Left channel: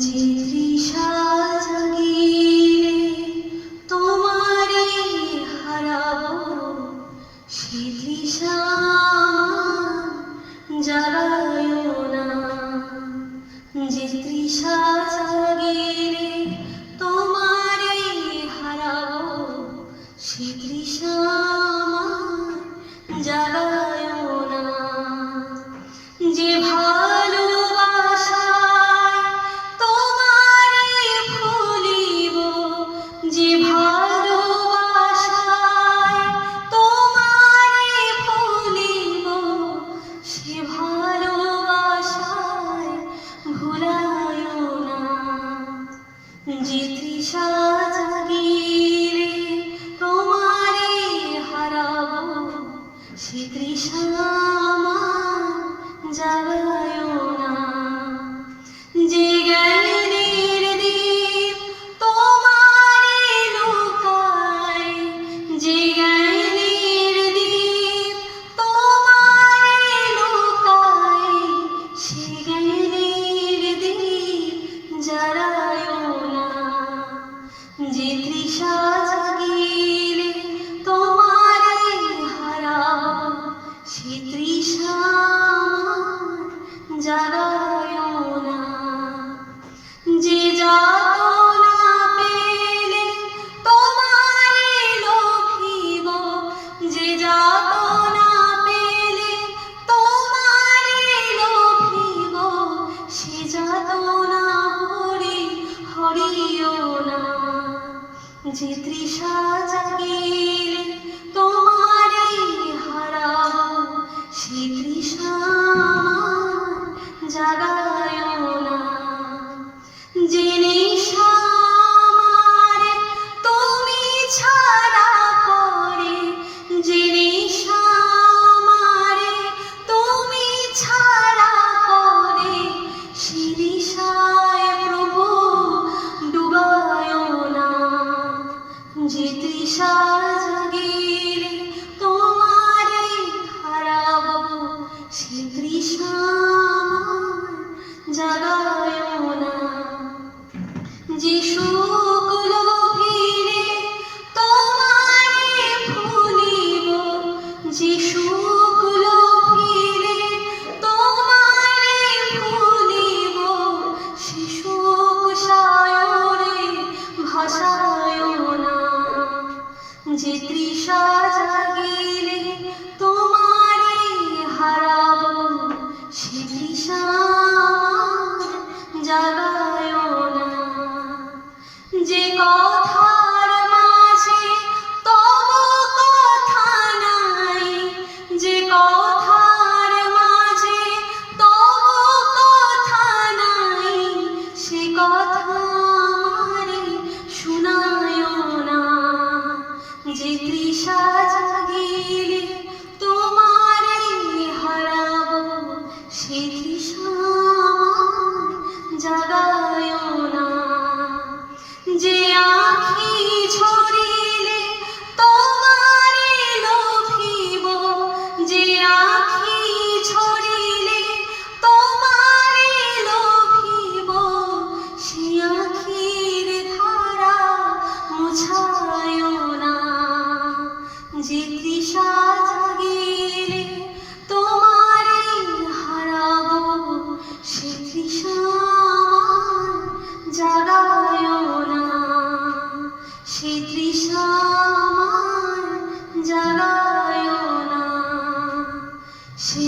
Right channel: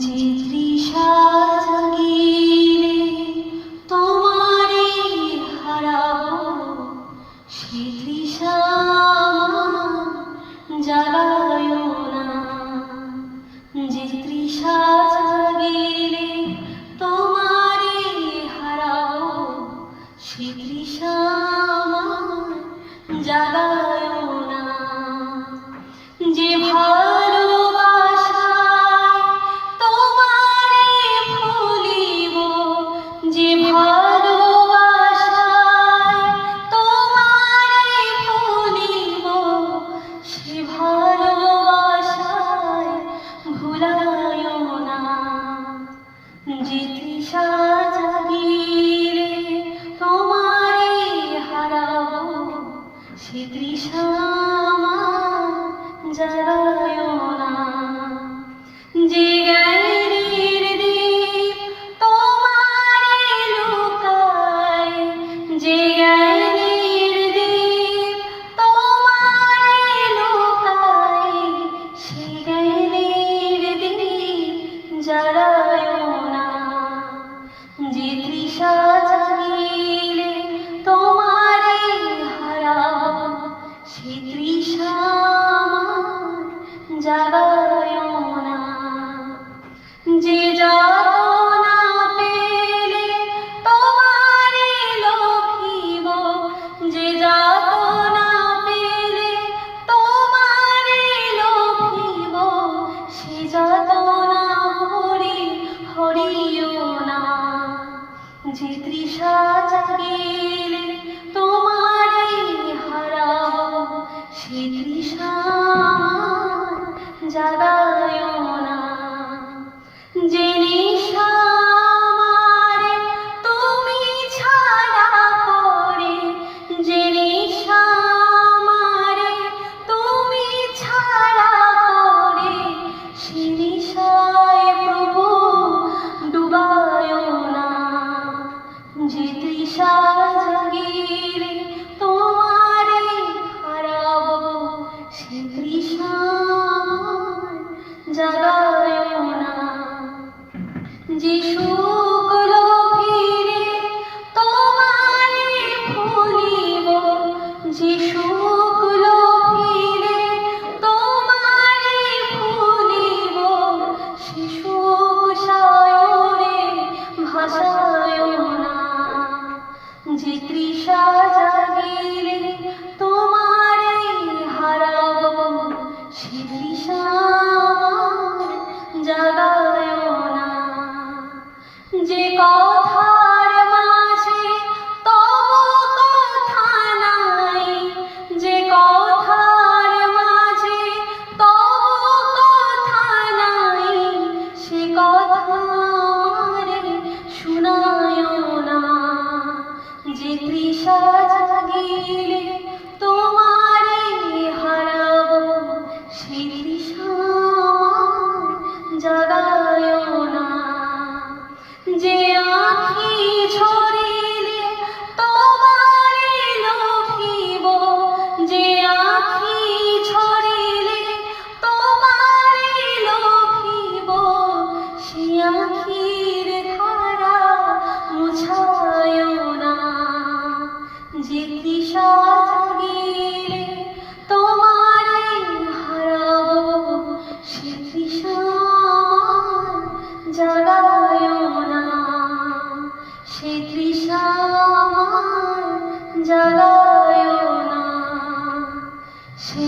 যে তৃষা জাগিলে তোমারে হারাবো, সে তৃষা জাগায়ো না। যে তৃষা জাগিলে তোমারে হারাবো, সে তৃষা জাগায়ো না। যে ভালোবাসায় তোমারে ভুলিব, যে ভালোবাসায় তোমারে ভুলিব, সে ভালোবাসায় ভুলায়ো না। যে তৃষা জাগিলে তোমারে হারাবো, সে তৃষা জাগায়ো না। যে জ্ঞানের দীপ তোমারে লুকায়, যে জ্ঞানের দীপ তোমারে লুকায়, সে জ্ঞানের দীপ জ্বালায়ো না। যে তৃষা জাগিলে তোমারে হারাবো, সে তৃষা জাগায়ো না। যে যাতনা পেলে তোমারে লোভিব, যে যাতনা পেলে তোমারে লোভিব, সে যাতনা হরিও না। যে তৃষা জাগিলে তোমারে হারাবো, সে তৃষা জাগায়ো না। যে নেশা আমারে তুমি ছাড়া করে, যে নেশা আমারে তুমি ছাড়া করে, সে নেশায় প্রভু ডুবায়ো না। যে তৃষা জাগিলে তোমারে হারাবো, সে তৃষা জাগায়ো না। যে সুখ লোভিলে তোমারে ভুলিব, যে সুখ লোভিলে তোমারে ভুলিব, সে সুখ সায়রে ভাসায়ো না। যে তৃষা জাগিলে তোমারে হারাবো, সে তৃষা জাগায়ো না। যে কথার মাঝে তব কথা নাই, যে কথার মাঝে তব কথা নাই, সে কথা আমারে শোনায়ো না। যে তৃষা জাগিলে তোমারে হারাবো, সে তৃষা জাগায়ো না। যে আঁখি ঝরিলে তোমারে লোভিব, যে আঁখি ঝরিলে তোমারে লোভিব, সে আঁখির ধারা মুছায়ো না। যে তৃষা জাগিলে তোমারে হারাবো, সে তৃষা জাগায়ো না। সে তৃষা জাগায়ো না। সে